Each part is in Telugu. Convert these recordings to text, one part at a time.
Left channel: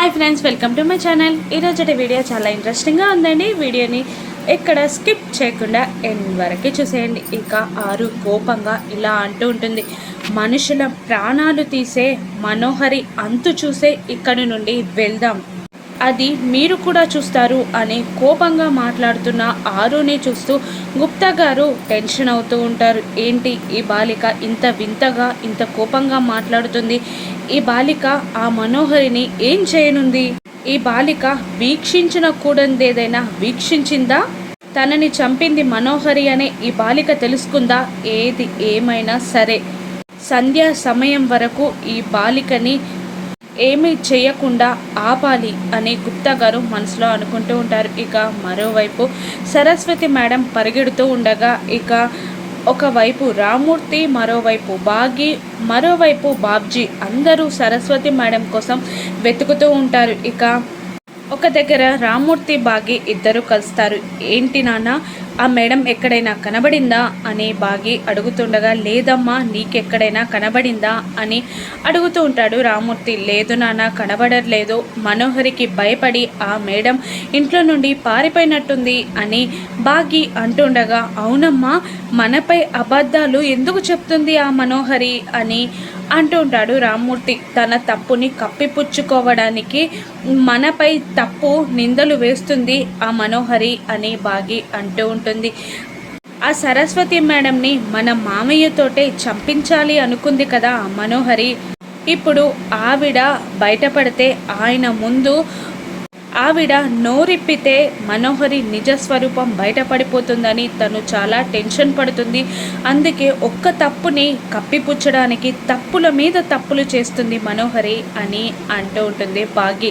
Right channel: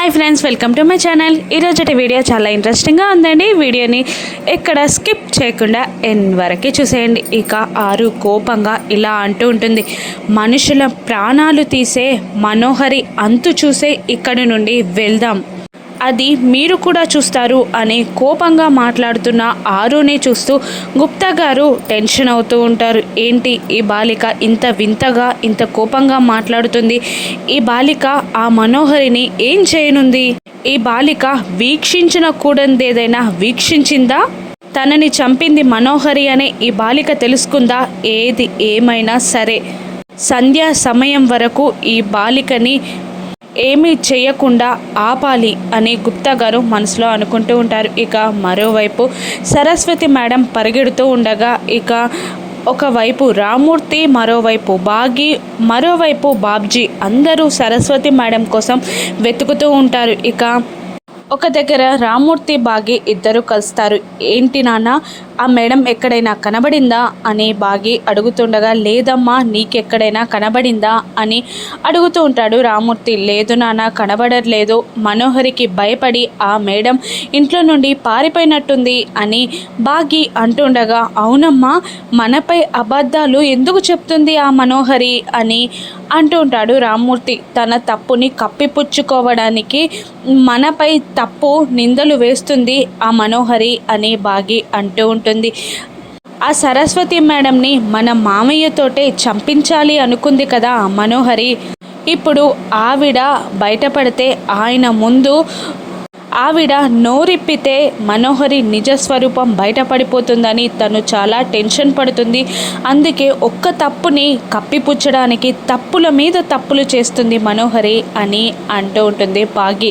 Hi friends welcome to my channel ఈరోజు వీడియో చాలా ఇంట్రెస్టింగ్గా ఉందండి. వీడియోని ఎక్కడ స్కిప్ చేయకుండా ఎన్ వరకు చూసేయండి. ఇక ఆరు కోపంగా ఇలా అంటూ ఉంటుంది. మనుషుల ప్రాణాలు తీసే మనోహరి అంతు చూసే ఇక్కడి నుండి వెళ్దాం. అది మీరు కూడా చూస్తారు అని కోపంగా మాట్లాడుతున్న ఆరుని చూస్తూ గుప్తా గారు టెన్షన్ అవుతూ ఉంటారు. ఏంటి ఈ బాలిక ఇంత వింతగా ఇంత కోపంగా మాట్లాడుతుంది? ఈ బాలిక ఆ మనోహరిని ఏం చేయనుంది? ఈ బాలిక వీక్షించిన కూడందేదైనా వీక్షించిందా? తనని చంపింది మనోహరి అనే ఈ బాలిక తెలుసుకుందా? ఏది ఏమైనా సరే. సంధ్యా సమయం వరకు ఈ బాలికని ఏమీ చేయకుండా ఆపాలి అని గుప్తా గారు మనసులో అనుకుంటూ ఉంటారు. ఇక మరోవైపు సరస్వతి మేడం పరిగెడుతూ ఉండగా ఇక ఒకవైపు రామూర్తి మరోవైపు బాగి మరోవైపు బాబ్జీ అందరూ సరస్వతి మేడం కోసం వెతుకుతూ ఉంటారు. ఇక ఒక దగ్గర రామూర్తి బాగి ఇద్దరు కలుస్తారు. ఏంటి నాన్న ఆ మేడం ఎక్కడైనా కనబడిందా? అని బాగి అడుగుతుండగా లేదమ్మా నీకెక్కడైనా కనబడిందా? అని అడుగుతూ ఉంటాడు రామూర్తి. లేదు నాన్న కనబడట్లేదు. మనోహరికి భయపడి ఆ మేడం ఇంట్లో నుండి పారిపోయినట్టుంది అని బాగి అంటుండగా అవునమ్మా మనపై అబద్ధాలు ఎందుకు చెప్తుంది ఆ మనోహరి? అని అంటూ ఉంటాడు రామ్మూర్తి తన తప్పుని కప్పిపుచ్చుకోవడానికి మనపై తప్పు నిందలు వేస్తుంది ఆ మనోహరి అని బాగి అంటూ ఉంటుంది. ఆ సరస్వతి మేడంని మన మామయ్యతోటే చంపించాలి అనుకుంది కదా మనోహరి. ఇప్పుడు ఆవిడ బయటపడితే ఆయన ముందు ఆవిడ నోరిప్పితే మనోహరి నిజస్వరూపం బయటపడిపోతుందని తను చాలా టెన్షన్ పడుతుంది. అందుకే ఒక్క తప్పుని కప్పిపుచ్చడానికి తప్పుల మీద తప్పులు చేస్తుంది మనోహరి అని అంటూ ఉంటుంది బాగి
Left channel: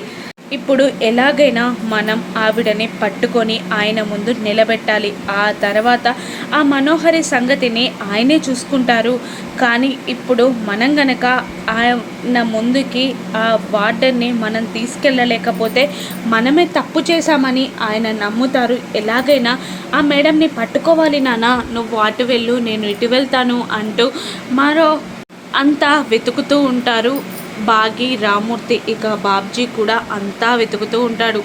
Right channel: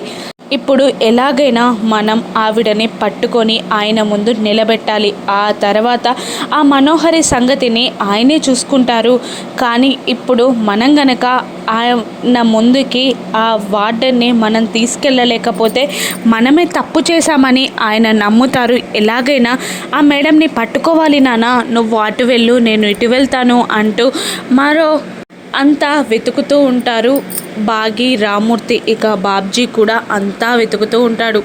ఇప్పుడు ఎలాగైనా మనం ఆవిడని పట్టుకొని ఆయన ముందు నిలబెట్టాలి. ఆ తర్వాత ఆ మనోహరి సంగతిని ఆయనే చూసుకుంటారు. కానీ ఇప్పుడు మనం గనక ఆయన ముందుకి ఆ వార్డర్ని మనం తీసుకెళ్ళలేకపోతే మనమే తప్పు చేశామని ఆయన నమ్ముతారు. ఎలాగైనా ఆ మేడంని పట్టుకోవాలి నాన్న నువ్వు అటు వెళ్ళు నేను ఇటు వెళ్తాను అంటూ మరో అంతా వెతుకుతూ ఉంటారు. బాగి రామూర్తి ఇక బాబ్జీ కూడా అంతా వెతుకుతూ ఉంటాడు.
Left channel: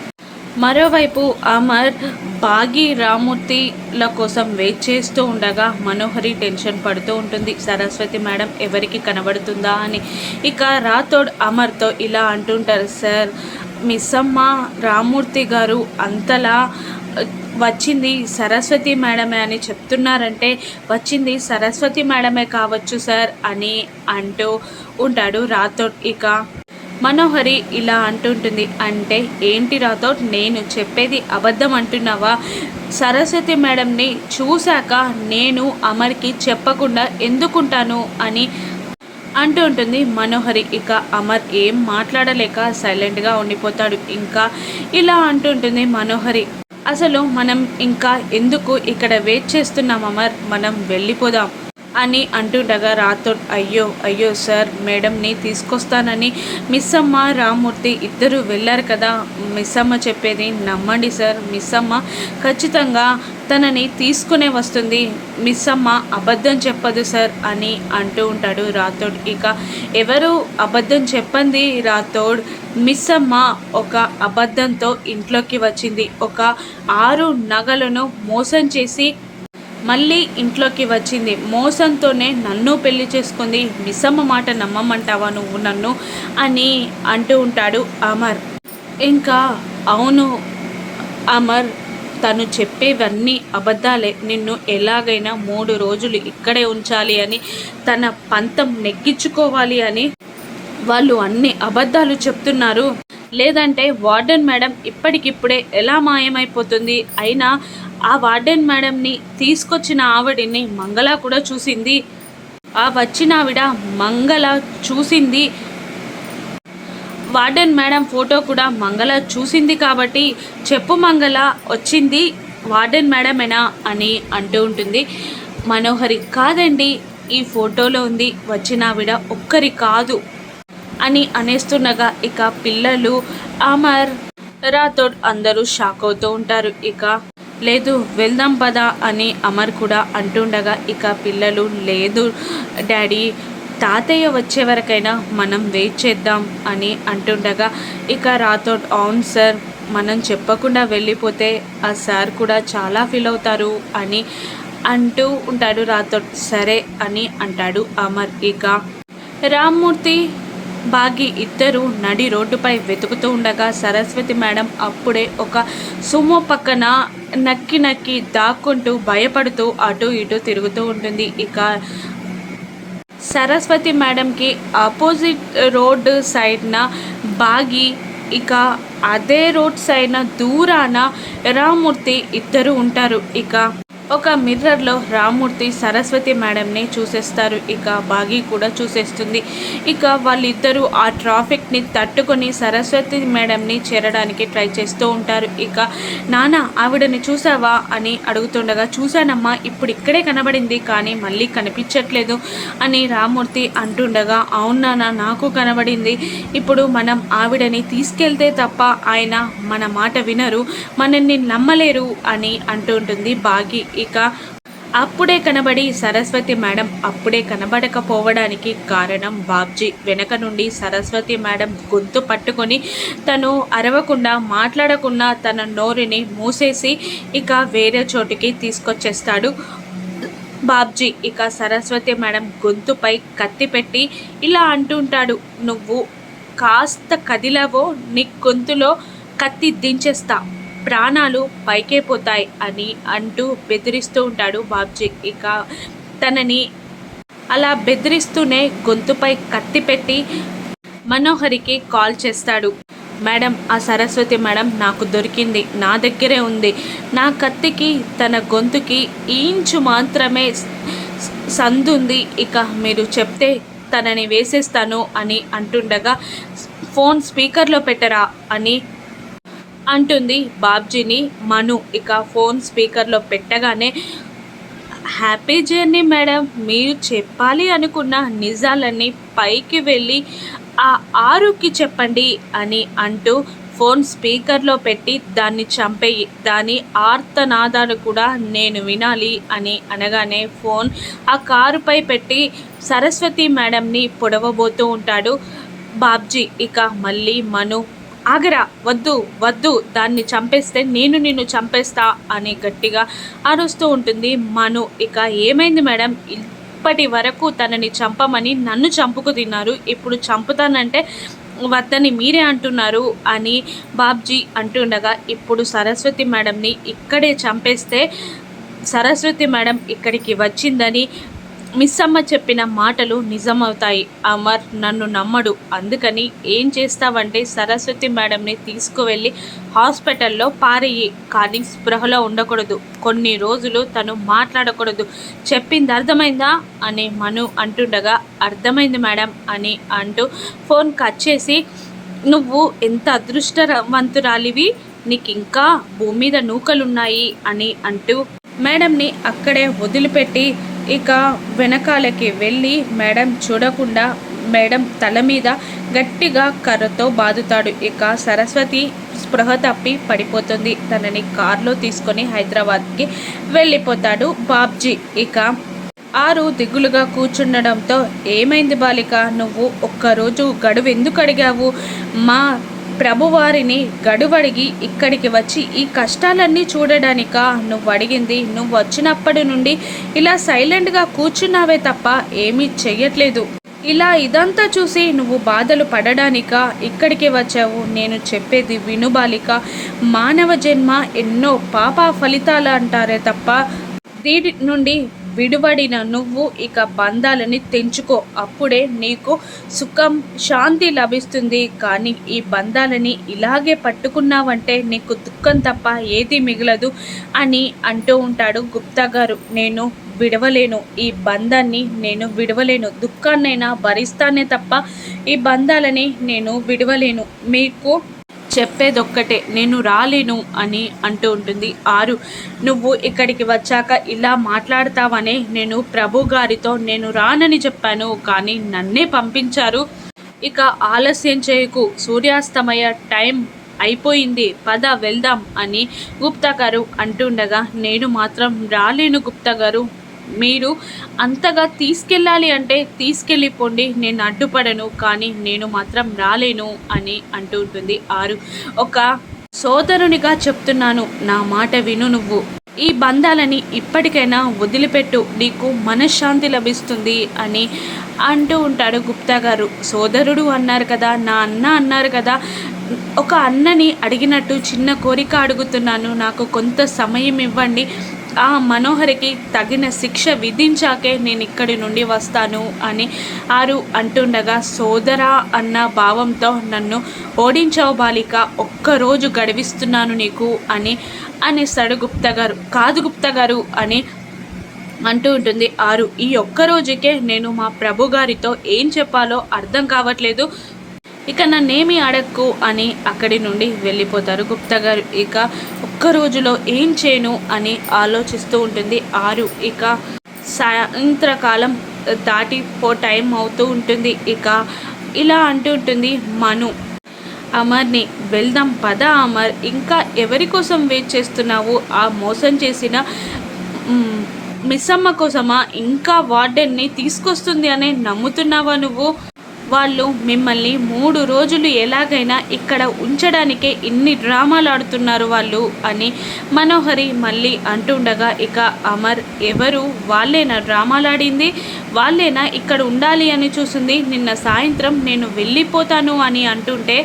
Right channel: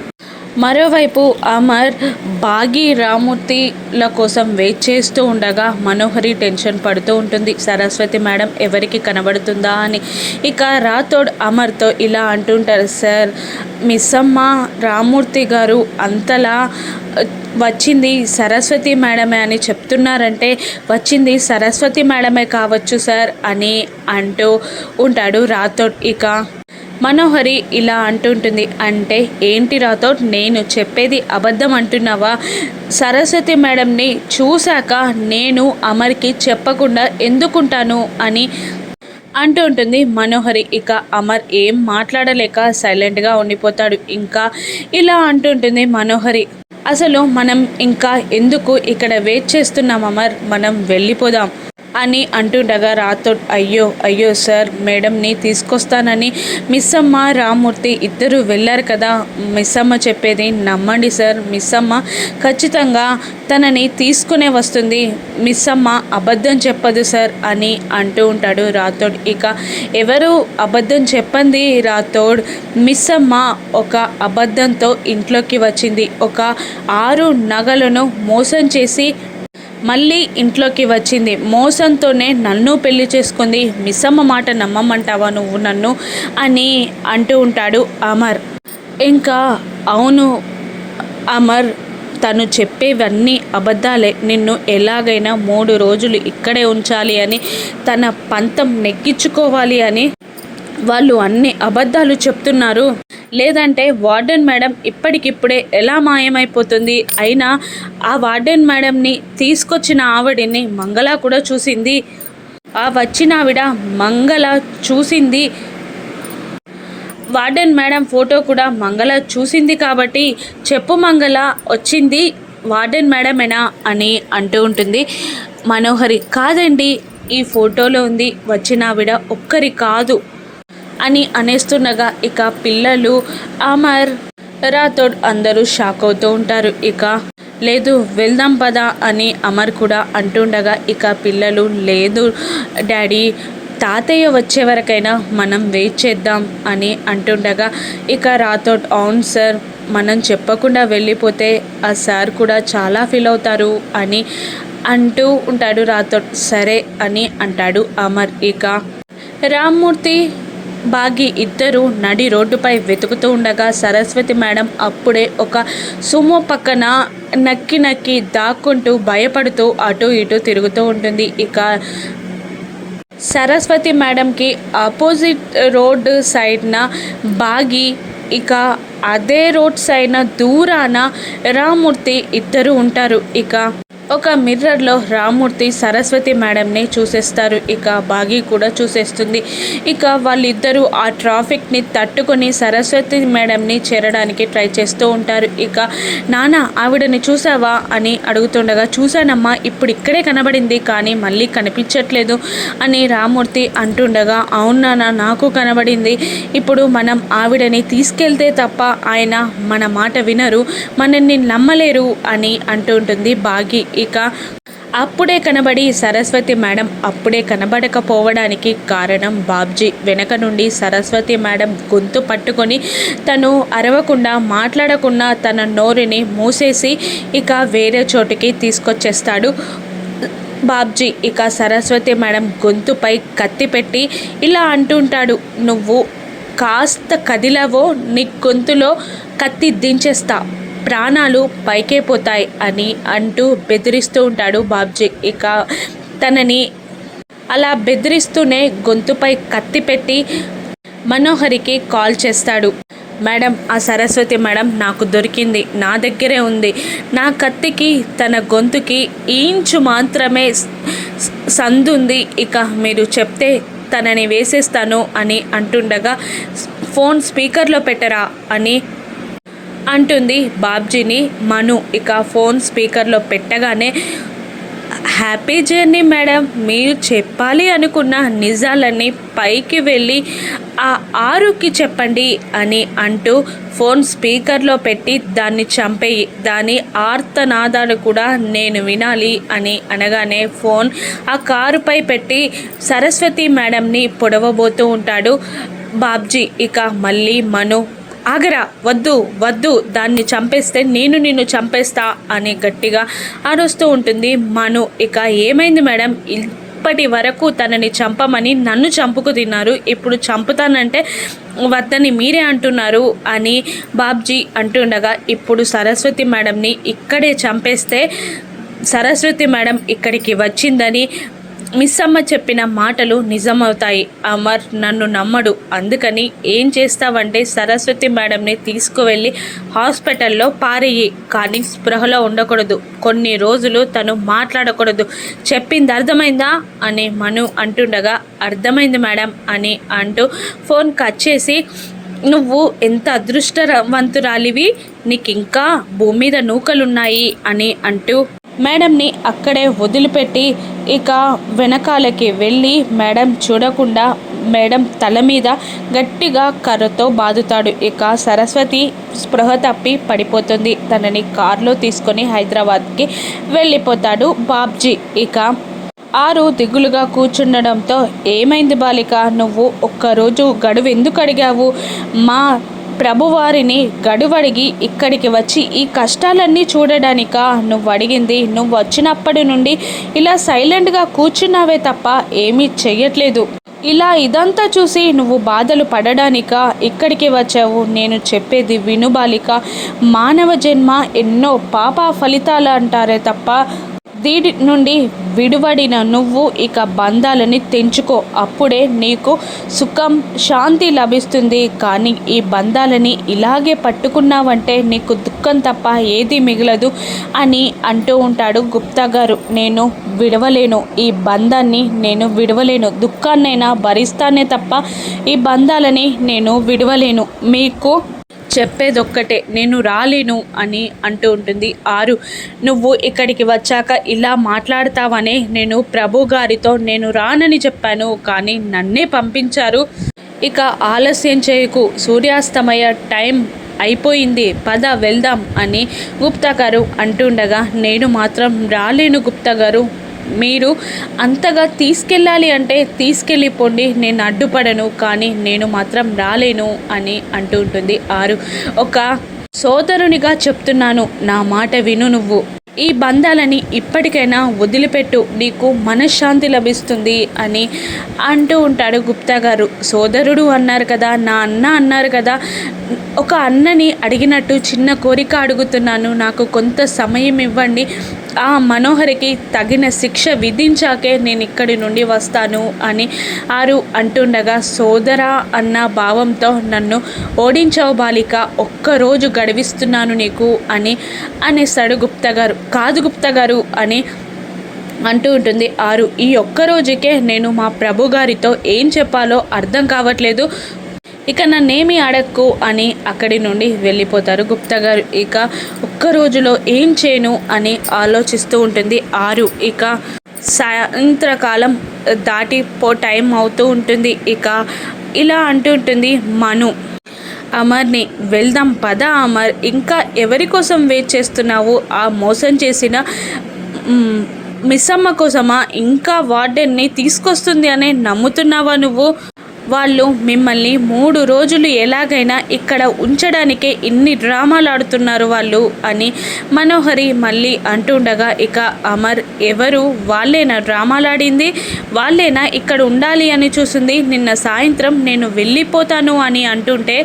మరోవైపు అమర్ బాగి రామూర్తిల కోసం వెయిట్ చేస్తూ ఉండగా మనోహరి టెన్షన్ పడుతూ ఉంటుంది. సరస్వతి మేడం ఎవరికి కనబడుతుందా అని. ఇక రాథోడ్ అమర్తో ఇలా అంటుంటారు సార్ మిస్సమ్మ రామూర్తి గారు అంతలా వచ్చింది సరస్వతి మేడమే అని చెప్తున్నారంటే వచ్చింది సరస్వతి మేడమే కావచ్చు సార్ అని అంటూ ఉంటాడు రాథోడ్. ఇక మనోహరి ఇలా అంటుంటుంది అంటే ఏంటి రాతో నేను చెప్పేది అబద్ధం అంటున్నావా? సరస్వతి మేడంని చూశాక నేను అమర్కి చెప్పకుండా ఎందుకుంటాను? అని అంటూ ఉంటుంది మనోహరి. ఇక అమర్ ఏం మాట్లాడలేక సైలెంట్గా ఉండిపోతాడు. ఇంకా ఇలా అంటుంటుంది మనోహరి. అసలు మనం ఇంకా ఎందుకు ఇక్కడ వెయిట్ చేస్తున్నాం అమర్? మనం వెళ్ళిపోదాం. అని అంటుండగా రాతో అయ్యో అయ్యో సార్ మేడంని తీసుకొస్తానని మిస్ అమ్మ రామూర్తి ఇద్దరు వెళ్ళారు కదా మిస్ అమ్మ చెప్పేది నమ్మండి సార్ మిస్ అమ్మ ఖచ్చితంగా తనని తీసుకునే వస్తుంది మిస్ అమ్మ అబద్ధం చెప్పదు సార్ అని అంటూ ఉంటాడు రాథోడ్ ఇక ఎవరు అబద్ధం చెప్పండి రాథోడ్ మిస్ అమ్మ ఒక అబద్ధంతో ఇంట్లోకి వచ్చింది. ఒక ఆరు నగలను మోసం చేసి మళ్ళీ ఇంట్లోకి వచ్చింది. మోసంతోనే నన్ను పెళ్ళి చేసుకుంది. మిస్సమ్మ మాట నమ్మమంటావా నువ్వు నన్ను? అని అంటూ ఉంటాడు అమర్. ఇంకా అవును అమర్ తను చెప్పేవన్నీ అబద్ధాలే. నిన్ను ఎలాగైనా మూడు రోజులు ఇక్కడే ఉంచాలి అని తన పంతం నెగ్గించుకోవాలి అని వాళ్ళు అన్ని అబద్ధాలు చెప్తున్నారు. లేదంటే వార్డెన్ మేడం ఇప్పటికిప్పుడే ఎలా మాయమైపోతుంది? అయినా ఆ వార్డెన్ మేడంని తీసుకొచ్చిన ఆవిడని మంగళ కూడా చూసింది. ఆ వచ్చిన ఆవిడ మంగళ చూసింది. వార్డెన్ మేడం ఫోటో కూడా మంగళ చూసింది కాబట్టి చెప్పు మంగళ వచ్చింది వార్డెన్ మేడమేనా అని అంటూ ఉంటుంది. మనోహరి కాదండి ఈ ఫోటోలో ఉంది వచ్చిన ఆవిడ ఒక్కరి కాదు. అని అనేస్తుండగా ఇక పిల్లలు అమర్ రాథోడ్ అందరూ షాక్ అవుతూ ఉంటారు. ఇక లేదు వెళ్దాం పదా అని అమర్ కూడా అంటుండగా ఇక పిల్లలు లేదు డాడీ తాతయ్య వచ్చే వరకైనా మనం వెయిట్ చేద్దాం అని అంటుండగా ఇక రాథోడ్ అవును సార్ మనం చెప్పకుండా వెళ్ళిపోతే ఆ సార్ కూడా చాలా ఫీల్ అవుతారు అని అంటూ ఉంటాడు రాథోడ్. సరే అని అంటాడు అమర్. ఇక రామ్మూర్తి బాగి ఇద్దరు నడి రోడ్డుపై వెతుకుతూ ఉండగా సరస్వతి మేడం అప్పుడే ఒక సుమో పక్కన నక్కి నక్కి దాక్కుంటూ భయపడుతూ అటు ఇటు తిరుగుతూ ఉంటుంది. ఇక సరస్వతి మేడంకి ఆపోజిట్ రోడ్ సైడ్న బాగి ఇక అదే రోడ్ సైడ్న దూరాన రామూర్తి ఇద్దరు ఉంటారు. ఇక ఒక మిర్రర్లో రామూర్తి సరస్వతి మేడంని చూసేస్తారు. ఇక బాగి కూడా చూసేస్తుంది. ఇక వాళ్ళిద్దరూ ఆ ట్రాఫిక్ని తట్టుకొని సరస్వతి మేడంని చేరడానికి ట్రై చేస్తూ ఉంటారు. ఇక నాన్న ఆవిడని చూసావా? అని అడుగుతుండగా చూశానమ్మా ఇప్పుడు ఇక్కడే కనబడింది కానీ మళ్ళీ కనిపించట్లేదు అని రామూర్తి అంటుండగా అవును నాకు కనబడింది. ఇప్పుడు మనం ఆవిడని తీసుకెళ్తే తప్ప ఆయన మన మాట వినరు. మనల్ని నమ్మలేరు అని అంటుంటుంది బాగి. ఇక అప్పుడే కనబడి సరస్వతి మేడం అప్పుడే కనబడకపోవడానికి కారణం బాబ్జీ. వెనక నుండి సరస్వతి మేడం గొంతు పట్టుకొని తను అరవకుండా మాట్లాడకుండా తన నోరుని మూసేసి ఇక వేరే చోటుకి తీసుకొచ్చేస్తాడు బాబ్జీ. ఇక సరస్వతి మేడం గొంతుపై కత్తి పెట్టి ఇలా అంటుంటాడు నువ్వు కాస్త కదిలవో నీ గొంతులో కత్తి దించేస్తా. ప్రాణాలు పైకైపోతాయి అని అంటూ బెదిరిస్తూ ఉంటాడు బాబ్జీ. ఇక తనని అలా బెదిరిస్తూనే గొంతుపై కత్తి పెట్టి మనోహరికి కాల్ చేస్తాడు. మేడం ఆ సరస్వతి మేడం నాకు దొరికింది. నా దగ్గరే ఉంది. నా కత్తికి తన గొంతుకి ఇంచు మాత్రమే సందుంది ఇక మీరు చెప్తే తనని వేసేస్తాను అని అంటుండగా ఫోన్ స్పీకర్లో పెట్టరా అని అంటుంది బాబ్జీని. మను ఇక ఫోన్ స్పీకర్లో పెట్టగానే హ్యాపీ జర్నీ మేడం మీరు చెప్పాలి అనుకున్న నిజాలన్నీ పైకి వెళ్ళి ఆ ఆరుకి చెప్పండి అని అంటూ ఫోన్ స్పీకర్లో పెట్టి దాన్ని చంపేయి దాని ఆర్తనాదాలు కూడా నేను వినాలి అని అనగానే ఫోన్ ఆ కారుపై పెట్టి సరస్వతి మేడంని పొడవబోతూ ఉంటాడు బాబ్జీ ఇక మళ్ళీ మను ఆగరా వద్దు వద్దు దాన్ని చంపేస్తే నేను నిన్ను చంపేస్తా అని గట్టిగా అరుస్తూ ఉంటుంది మను. ఇక ఏమైంది మేడం? ఇప్పటి వరకు తనని చంపమని నన్ను చంపుకు తిన్నారు. ఇప్పుడు చంపుతానంటే వద్దని మీరే అంటున్నారు అని బాబ్జీ అంటుండగా ఇప్పుడు సరస్వతి మేడంని ఇక్కడే చంపేస్తే సరస్వతి మేడం ఇక్కడికి వచ్చిందని మిస్ అమ్మ చెప్పిన మాటలు నిజమవుతాయి. అమర్ నన్ను నమ్మడు. అందుకని ఏం చేస్తావంటే సరస్వతి మేడంని తీసుకువెళ్ళి హాస్పిటల్లో పారేయి. కానీ స్పృహలో ఉండకూడదు. కొన్ని రోజులు తను మాట్లాడకూడదు. చెప్పింది అర్థమైందా? అని మను అంటుండగా అర్థమైంది మేడం అని అంటూ ఫోన్ కట్ చేసి నువ్వు ఎంత అదృష్టవంతురాలివి? నీకు ఇంకా భూమి మీద నూకలున్నాయి అని అంటూ మేడంని అక్కడే వదిలిపెట్టి ఇక వెనకాలకి వెళ్ళి మేడం చూడకుండా మేడం తల మీద గట్టిగా కర్రతో బాదుతాడు. ఇక సరస్వతి స్పృహ తప్పి పడిపోతుంది. తనని కారులో తీసుకొని హైదరాబాద్కి వెళ్ళిపోతాడు బాబ్జీ. ఇక ఆరు దిగులుగా కూర్చుండడంతో ఏమైంది బాలిక? నువ్వు ఒక్కరోజు గడువు ఎందుకు అడిగావు? మా ప్రభువారిని గడువడిగి ఇక్కడికి వచ్చి ఈ కష్టాలన్నీ చూడడానిక? నువ్వు అడిగింది నువ్వు వచ్చినప్పటి నుండి ఇలా సైలెంట్గా కూర్చున్నావే తప్ప ఏమీ చెయ్యట్లేదు. ఇలా ఇదంతా చూసి నువ్వు బాధలు పడడానిక? ఇక్కడికి వచ్చావు. నేను చెప్పేది వినుబాలిక మానవ జన్మ ఎన్నో పాప ఫలితాలు అంటారే తప్ప దీని నుండి విడువడిన నువ్వు ఇక బంధాలని తెంచుకో. అప్పుడే నీకు సుఖం శాంతి లభిస్తుంది. కానీ ఈ బంధాలని ఇలాగే పట్టుకున్నావంటే నీకు దుఃఖం తప్ప ఏది మిగలదు అని అంటూ ఉంటాడు గుప్తా గారు నేను విడవలేను. ఈ బంధాన్ని నేను విడవలేను. దుఃఖాన్నైనా భరిస్తానే తప్ప ఈ బంధాలని నేను విడవలేను. మీకు చెప్పేదొక్కటే. నేను రాలేను అని అంటూ ఉంటుంది ఆరు. నువ్వు ఇక్కడికి వచ్చాక ఇలా మాట్లాడతావనే నేను ప్రభు గారితో నేను రానని చెప్పాను కానీ నన్నే పంపించారు. ఇక ఆలస్యం చేయకు. సూర్యాస్తమయ టైం అయిపోయింది. పద వెళ్దాం అని గుప్తా గారు అంటుండగా నేను మాత్రం రాలేను గుప్తా గారు మీరు అంతగా తీసుకెళ్ళాలి అంటే తీసుకెళ్ళిపోండి నేను అడ్డుపడను కానీ నేను మాత్రం రాలేను అని అంటూ ఉంటుంది ఆరు. ఒక సోదరునిగా చెప్తున్నాను నా మాట విను నువ్వు. ఈ బంధాలని ఇప్పటికైనా వదిలిపెట్టు నీకు మనశ్శాంతి లభిస్తుంది అని అంటూ ఉంటాడు గుప్తా గారు. సోదరుడు అన్నారు కదా నా అన్న అన్నారు కదా ఒక అన్నని అడిగినట్టు చిన్న కోరిక అడుగుతున్నాను నాకు కొంత సమయం ఇవ్వండి ఆ మనోహరికి తగిన శిక్ష విధించాకే నేను ఇక్కడి నుండి వస్తాను అని ఆరు అంటుండగా సోదరా అన్న భావంతో నన్ను ఓడించావు బాలిక ఒక్కరోజు గడివిస్తున్నాను నీకు అని అనేస్తాడు గుప్తా గారు. కాదు గుప్తా గారు అని అంటూ ఉంటుంది ఆరు. ఈ ఒక్క రోజుకే నేను మా ప్రభు గారితో ఏం చెప్పాలో అర్థం కావట్లేదు. ఇక నన్నేమి అడక్కు అని అక్కడి నుండి వెళ్ళిపోతారు గుప్తా గారు. ఇక ఒక్క రోజులో ఏం చేయను అని ఆలోచిస్తూ ఉంటుంది ఆరు. ఇక సాయంత్రకాలం దాటిపో టైం అవుతూ ఉంటుంది. ఇక ఇలా అంటూ ఉంటుంది మను. అమర్ని వెళ్దాం పద అమర్ ఇంకా ఎవరి కోసం వెయిట్ చేస్తున్నావు? ఆ మోసం చేసిన మిస్సమ్మ కోసమా? ఇంకా వార్డెన్ని తీసుకొస్తుంది అని నమ్ముతున్నావా నువ్వు? వాళ్ళు మిమ్మల్ని మూడు రోజులు ఎలాగైనా ఇక్కడ ఉంచడానికే ఇన్ని డ్రామాలు ఆడుతున్నారు వాళ్ళు అని మనోహరి మళ్ళీ అంటుండగా ఇక అమర్ ఎవరు? వాళ్ళేనా డ్రామాలు ఆడింది? వాళ్ళేనా ఇక్కడ ఉండాలి అని చూసింది? నిన్న సాయంత్రం నేను వెళ్ళిపోతాను అని అంటుంటే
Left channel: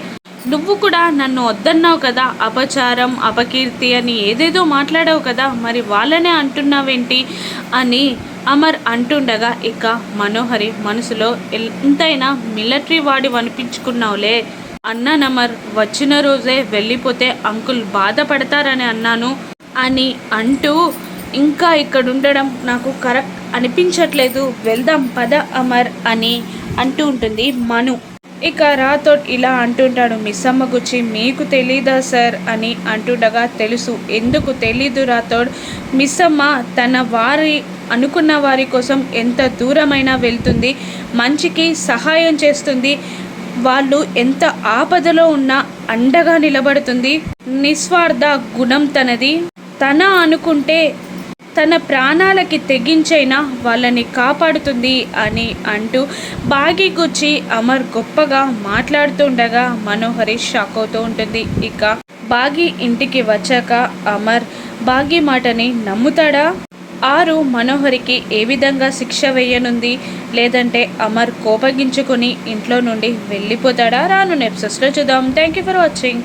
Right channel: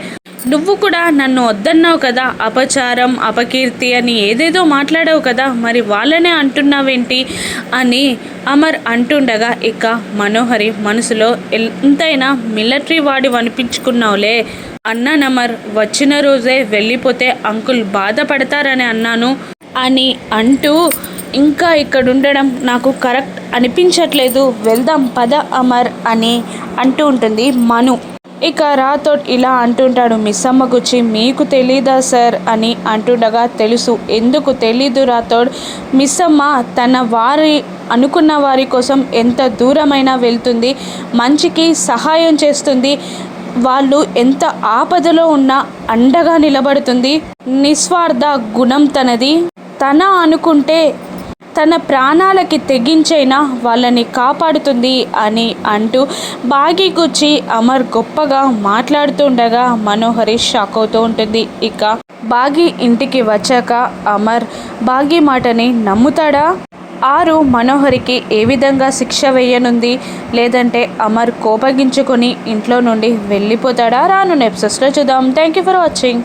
నువ్వు కూడా నన్ను వద్దన్నావు కదా అపచారం అపకీర్తి అని ఏదేదో మాట్లాడావు కదా మరి వాళ్ళనే అంటున్నావేంటి? అని అమర్ అంటుండగా ఇక మనోహరి మనసులో ఎంతైనా మిలిటరీ వాడి అనిపించుకున్నావులే అన్నానమర్ వచ్చిన రోజే వెళ్ళిపోతే అంకుల్ బాధపడతారని అన్నాను అని అంటూ ఇంకా ఇక్కడ ఉండడం నాకు కరెక్ట్ అనిపించట్లేదు. వెళ్దాం పద అమర్ అని అంటూ ఉంటుంది మను. ఇక రాథోడ్ ఇలా అంటుంటాడు మిస్సమ్మ గుచ్చి మీకు తెలీదా సార్ అని అంటుండగా తెలుసు. ఎందుకు తెలీదు రాథోడ్? మిస్సమ్మ తన వారి అనుకున్న వారి కోసం ఎంత దూరమైనా వెళ్తుంది మంచికి సహాయం చేస్తుంది వాళ్ళు ఎంత ఆపదలో ఉన్నా అండగా నిలబడుతుంది. నిస్వార్థ గుణం తనది. తన అనుకుంటే తన ప్రాణాలకి తెగించైనా వాళ్ళని కాపాడుతుంది అని అంటూ బాగి గుచ్చి అమర్ గొప్పగా మాట్లాడుతుండగా మనోహరి షాక్ అవుతూ ఉంటుంది. ఇక బాగి ఇంటికి వచ్చాక అమర్ బాగి మాటని నమ్ముతాడా? ఆరు మనోహరికి ఏ విధంగా శిక్ష వేయనుంది? లేదంటే అమర్ కోపగించుకొని ఇంట్లో నుండి వెళ్ళిపోతాడా? రాను నెప్సెస్లో చూద్దాం. Thank you for watching